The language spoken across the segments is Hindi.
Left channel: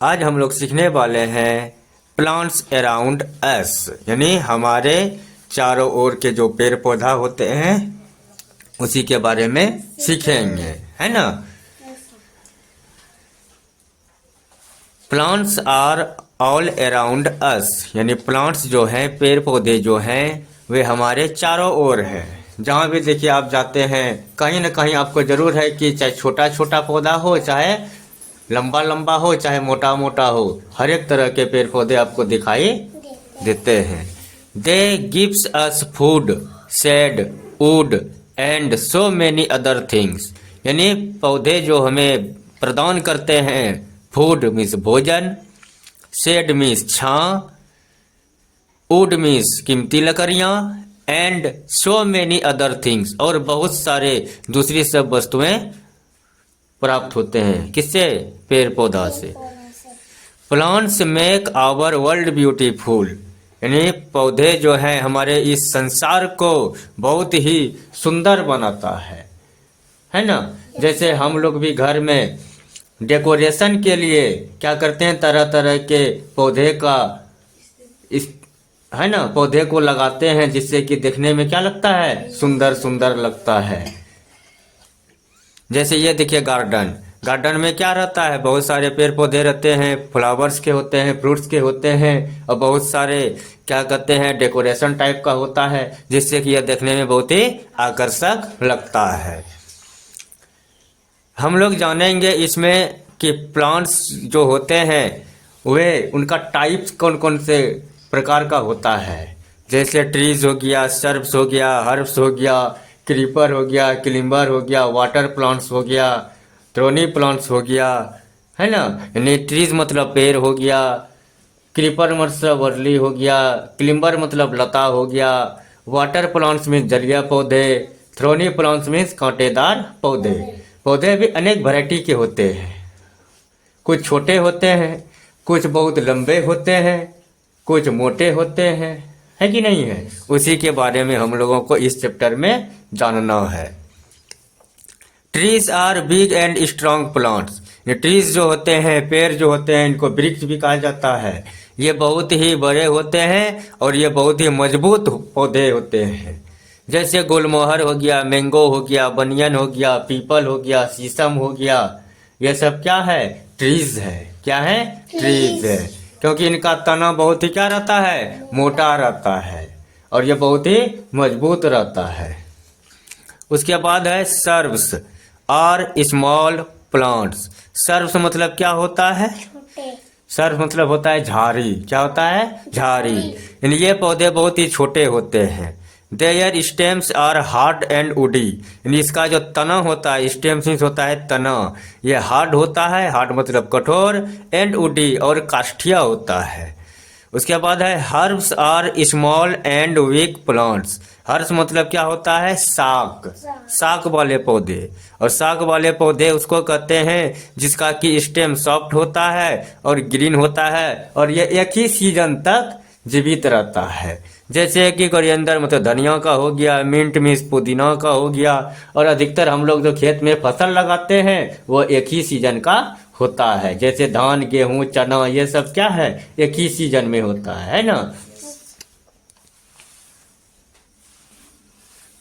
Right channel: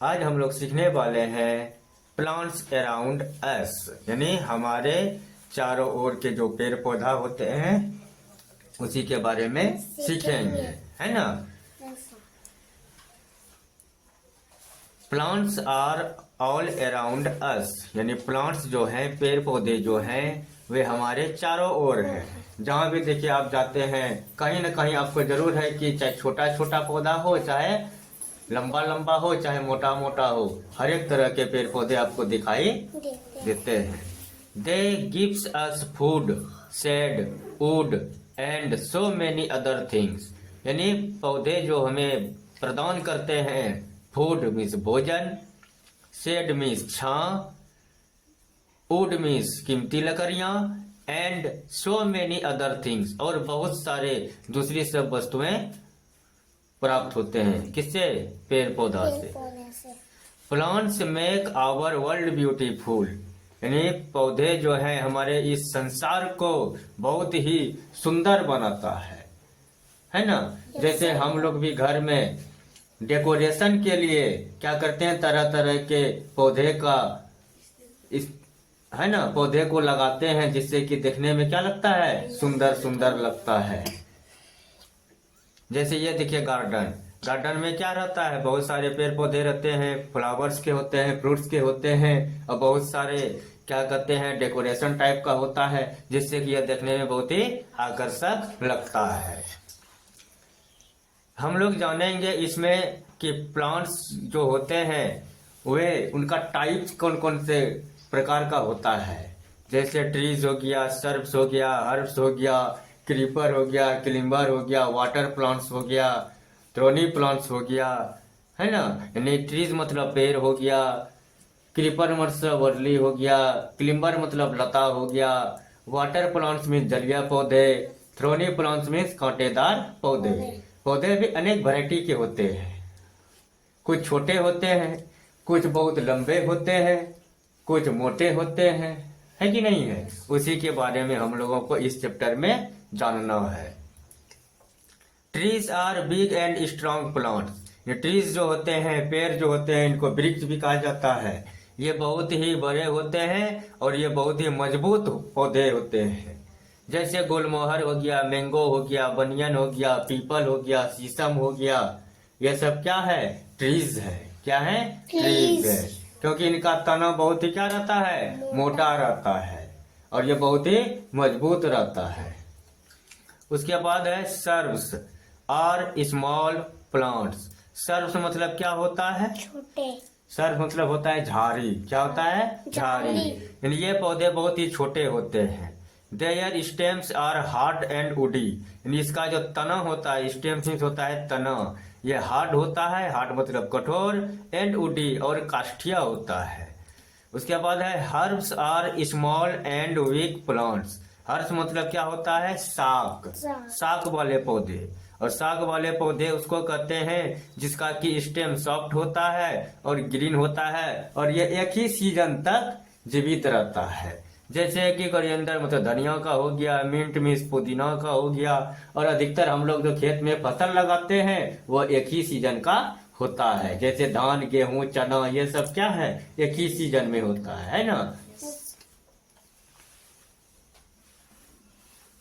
आज हम लोग सीखने वाले हैं प्लांट्स अराउंड अस, यानी हमारे चारों ओर के जो पेड़ पौधा होते हैं उसी के बारे में सीखेंगे, है ना। Plants are all around us, यानी प्लांट्स जो हैं, पेड़ पौधे जो हैं, वे हमारे चारों ओर है। जहाँ भी देखिए आप जाते हैं, कहीं ना कहीं आपको जरूर है कि चाहे छोटा छोटा पौधा हो, चाहे लंबा लंबा हो, चाहे मोटा मोटा हो, हर एक तरह के पेड़ पौधे आपको दिखाई देते हैं। They gives us food, shade, wood and so many other things, यानी पौधे जो हमें प्रदान करते हैं। फूड मीन्स भोजन, शेड मीन्स छां, वुड मीन्स कीमती लकड़ियां, and so many other things, और बहुत सारे दूसरी सब वस्तुएं प्राप्त होते हैं। किससे? पेड़ पौधा से। Plants make our world beautiful, यानी पौधे जो है हमारे इस संसार को बहुत ही सुंदर बनाता है ना। जैसे हम लोग भी घर में डेकोरेशन के लिए क्या करते हैं, तरह तरह के पौधे का इस है ना, पौधे को लगाते हैं, जिससे कि देखने में क्या लगता है, सुंदर सुंदर लगता है। जैसे ये देखिए गार्डन, गार्डन में क्या रहता है, बहुत सारे पेड़ पौधे रहते हैं, फ्लावर्स के होते हैं, फ्रूट्स के होते हैं, और बहुत सारे क्या कहते हैं, डेकोरेशन टाइप का होता है, जिससे कि यह देखने में बहुत ही आकर्षक लगता है। हम लोग जानेंगे इसमें कि प्लांट्स जो होते हैं वे उनका टाइप्स कौन कौन से प्रकार का होता है। जैसे ट्रीज हो गया, सर्ब्स हो गया, हर्ब्स हो गया, क्रीपर हो गया, क्लिम्बर हो गया, वाटर प्लांट्स हो गया, थ्रोनी प्लांट्स हो गया, है ना। यानी ट्रीज मतलब पेड़ हो गया, क्रीपर मतलब वर्ली हो गया, क्लिम्बर मतलब लता हो गया, वाटर प्लांट्स मीन्स जलीय पौधे, थ्रोनी प्लांट्स मीन्स कांटेदार पौधे। पौधे भी अनेक वैरायटी के होते हैं, कुछ छोटे होते हैं, कुछ बहुत लंबे होते हैं, कुछ मोटे होते हैं, है कि नहीं है। उसी के बारे में हम लोगों को इस चैप्टर में जानना है। Trees are big and strong plants, ये ट्रीज जो होते हैं, पेड़ जो होते हैं, इनको वृक्ष भी कहा जाता है। ये बहुत ही बड़े होते हैं और ये बहुत ही मजबूत पौधे होते हैं। जैसे गुलमोहर हो गया, मैंगो हो गया, बनियन हो गया, पीपल हो गया, शीशम हो गया, ये सब क्या है, ट्रीज है। क्या है? ट्रीज है, क्योंकि इनका तना बहुत ही क्या रहता है, मोटा रहता है, और ये बहुत ही मजबूत रहता है। उसके बाद है सर्ब्स और स्मॉल प्लांट्स। सर्ब्स मतलब क्या होता है, सर्ब्स मतलब होता है झाड़ी। क्या होता है? झाड़ी। यानी ये पौधे बहुत ही छोटे होते हैं। Their stems are hard and woody, यानी इसका जो तना होता है, स्टेम्स मीन्स होता है तना, ये हार्ड होता है, हार्ड मतलब कठोर, एंड वुडी और काष्ठिया होता है। उसके बाद है herbs are small and weak plants. Herbs मतलब क्या होता है, शाक, शाक वाले पौधे। और शाक वाले पौधे उसको कहते हैं जिसका कि स्टेम सॉफ्ट होता है और ग्रीन होता है, और ये एक ही सीजन तक जीवित रहता है। जैसे कि कोरिएंडर मतलब धनिया का हो गया, मिंट मीन्स पुदीना का हो गया, और अधिकतर हम लोग जो खेत में फसल लगाते हैं वो एक ही सीजन का होता है। जैसे धान, गेहूं, चना, ये सब क्या है, एक ही सीजन में होता है ना।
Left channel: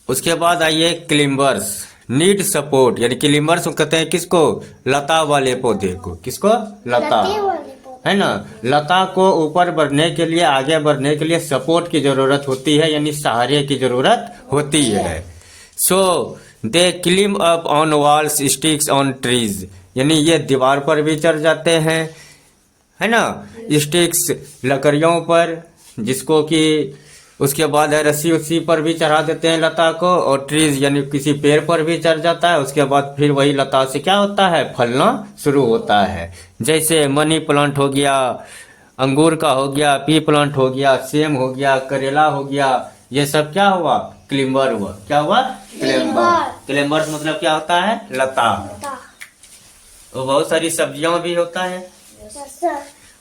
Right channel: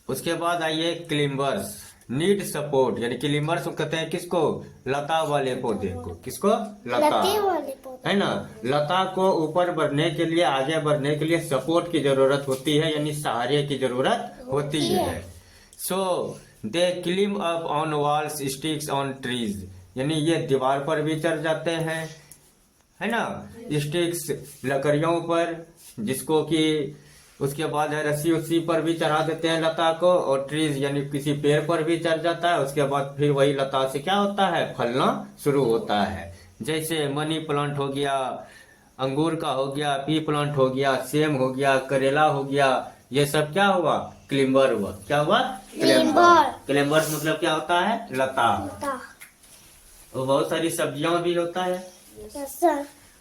उसके बाद आइए क्लिम्बर्स नीड सपोर्ट, यानी क्लिम्बर्स कहते हैं किसको, लता वाले पौधे को। किसको? लता, है ना। लता को ऊपर बढ़ने के लिए, आगे बढ़ने के लिए सपोर्ट की जरूरत होती है, यानी सहारे की जरूरत होती है। So they climb up on walls, sticks on trees, यानी ये दीवार पर भी चढ़ जाते हैं, है ना, स्टिक्स लकड़ियों पर, जिसको कि उसके बाद है रस्सी उस्सी पर भी चढ़ा देते हैं लता को, और ट्रीज यानी किसी पेड़ पर भी चढ़ जाता है। उसके बाद फिर वही लता से क्या होता है, फलना शुरू होता है। जैसे मनी प्लांट हो गया, अंगूर का हो गया, पी प्लांट हो गया, सेम हो गया, करेला हो गया, ये सब क्या हुआ, क्लिम्बर हुआ। क्या हुआ? क्लिम्बर। क्लिम्बर मतलब क्या होता है, लता। और बहुत सारी सब्जियां भी होता है।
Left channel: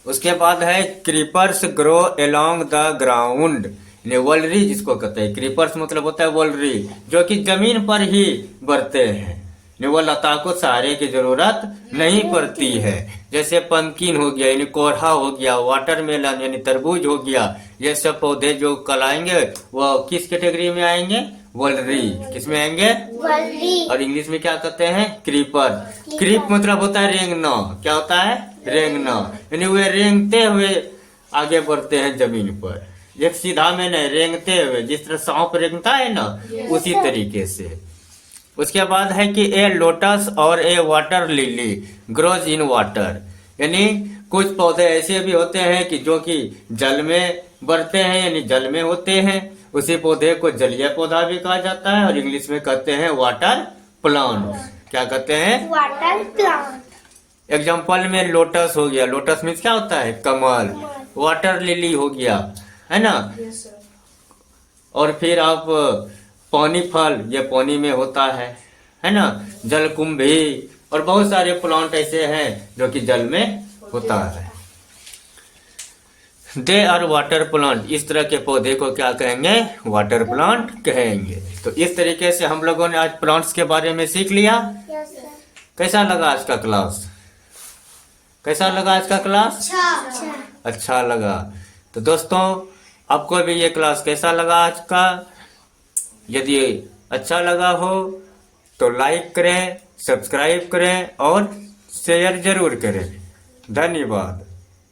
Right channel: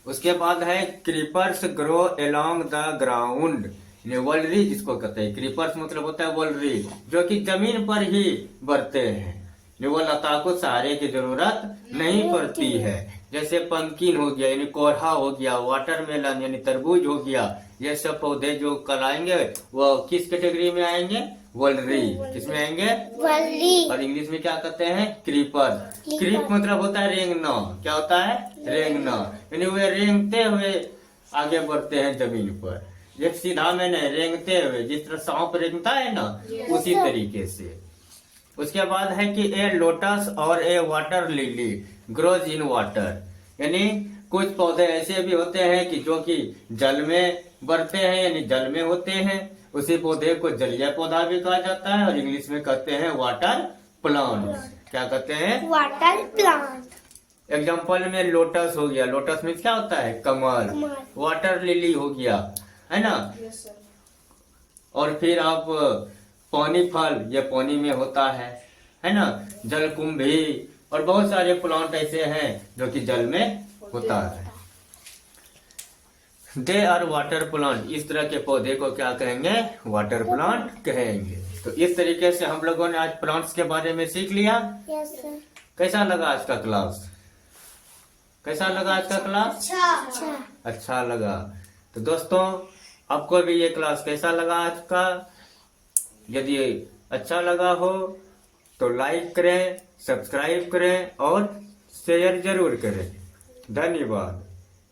उसके बाद है creepers grow along the ground, वोलरी जिसको कहते हैं। क्रीपर्स मतलब होता है वोलरी, जो कि जमीन पर ही बढ़ते हैं। वो लता को सहारे की जरूरत नहीं पड़ती है। जैसे पंपकिन हो गया यानी कोरहा हो गया, वाटरमेलन यानी तरबूज हो गया, ये सब पौधे जो कल आएंगे वो किस कैटेगरी में आएंगे? वल्री। किसमें आएंगे? वल्ली। और इंग्लिश में क्या कहते हैं? क्रीपर। क्रीप मतलब होता है रेंगना। क्या होता है? रेंगना। यानी वे रेंगते हुए आगे बढ़ते हैं जमीन पर, एक सीधा में नहीं, रेंगते हुए, जिस तरह सांप रेंगता है ना, उसी तरीके से। उसके बाद है कि ए लोटस और a water lily grows in water, यानी कुछ पौधे ऐसे भी होते हैं कि जो कि जल में बढ़ते हैं, यानी जल में होते हैं। उसी पौधे को जलीय पौधा भी कहा जाता है और इंग्लिश में कहते हैं वाटर प्लांट। क्या कहते हैं? Water plant. एग्जाम्पल में लोटस हो गया, लोटस मीन्स क्या होता है? कमल। वाटर लिली हो गया, है ना। और फिर आप पानी फल, ये पानी में होता है ना। जलकुंभी और बहुत सारे प्लांट ऐसे हैं जो कि जल में होता है। दे आर वाटर प्लांट, इस तरह के पौधे को क्या कहेंगे? वाटर प्लांट कहेंगे। तो इस तरीके से हम लोगों ने आज प्लांट्स के बारे में सीख लिया। कैसा लगा आज का क्लास? कैसा लगा आज का क्लास? अच्छा लगा। तो दोस्तों, आपको भी ये क्लास कैसा लगा आज का? यदि अच्छा लगा हो तो लाइक करें, सब्सक्राइब करें और शेयर जरूर करें। धन्यवाद।